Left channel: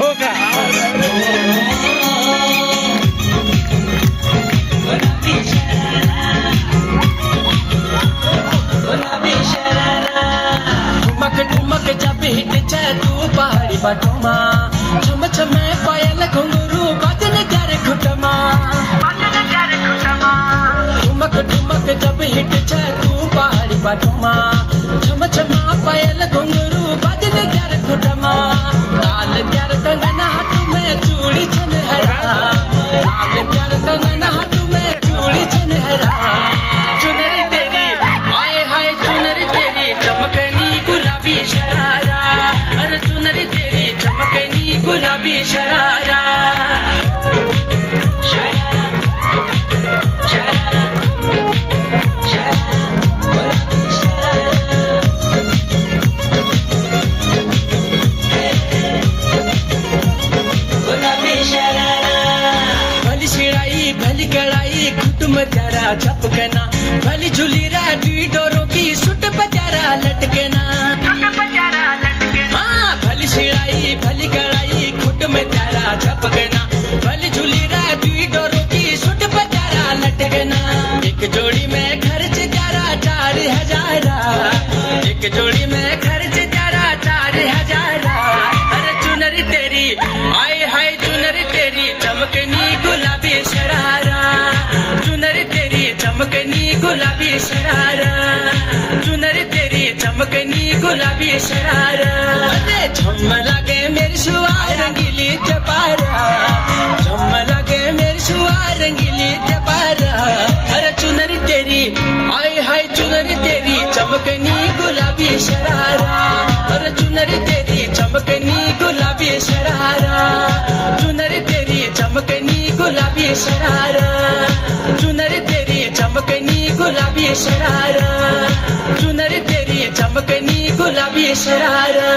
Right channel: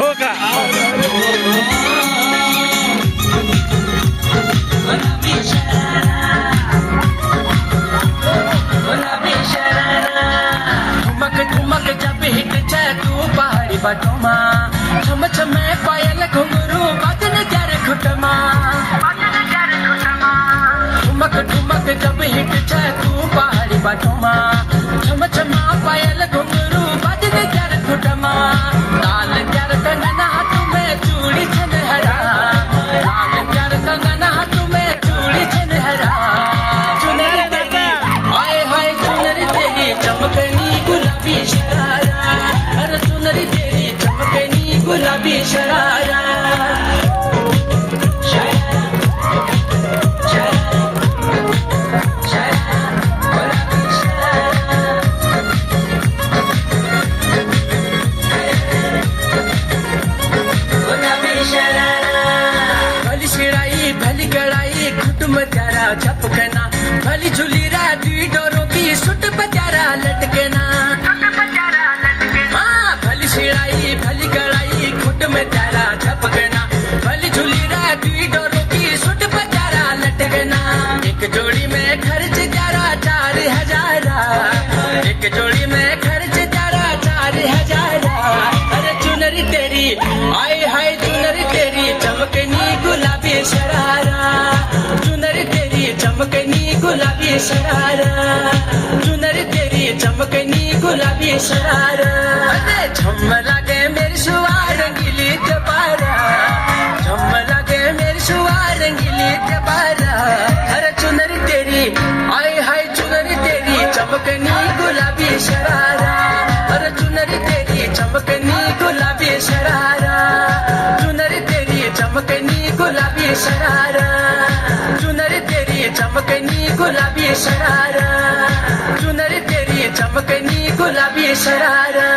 हो का? ठुमक ठुमक जब हिट जाए तू पहाड़ी बाटोमा छम छम पायल घुंघरू बदन कर घुटमा ठुमक ठुमक जब हिट जाए तू पहाड़ी बाटोमा छम छम पायल घुंघरू बदन कर घुटमा लाल कर कंगन हाथ में चूड़ी छनहरा लाल कर कंगन हाथ में चूड़ी छनहरा चुनरी तेरी हाय हाय चुनरी तेरी चमकनी गुलाबी शरारा अरे चुनरी तेरी चमकनी गुलाबी शरारा भली शिड़ाई भली गड़ाई कुटुम प्यारा झपकना भली झूली राजी डोरों की सुट प्यारा लटकना हाँ भली शिड़ाई भली गड़ाई कुटुम प्यारा झपकना भली झूली राजी डोरों की सुट प्यारा लटकना एक जोड़ी में खर्च प्यारा 4,000 एक जोड़ी में खर्च प्यारा 4,000 अरे चुनरी तेरी आई हाय चुनरी तेरी चमकनी गुलाबी शरारा चुनरी तेरी चमकनी गुलाबी शरारा चुनरी तेरी चमकनी गुलाबी शरारा अरे झम लगे मेरी शुआर रंगीली चपारा झम लगे मेरी शुआर रंगीली चपारा अरे चुनरी तेरी आई हाय चुनरी तेरी चमकनी गुलाबी शरारा अरे चुनरी तेरी चमकनी गुलाबी शरारा चुनरी तेरी चमकनी गुलाबी शरारा चुनरी तेरी चमकनी गुलाबी शरारा चुनरी तेरी चमकनी गुलाबी शरारा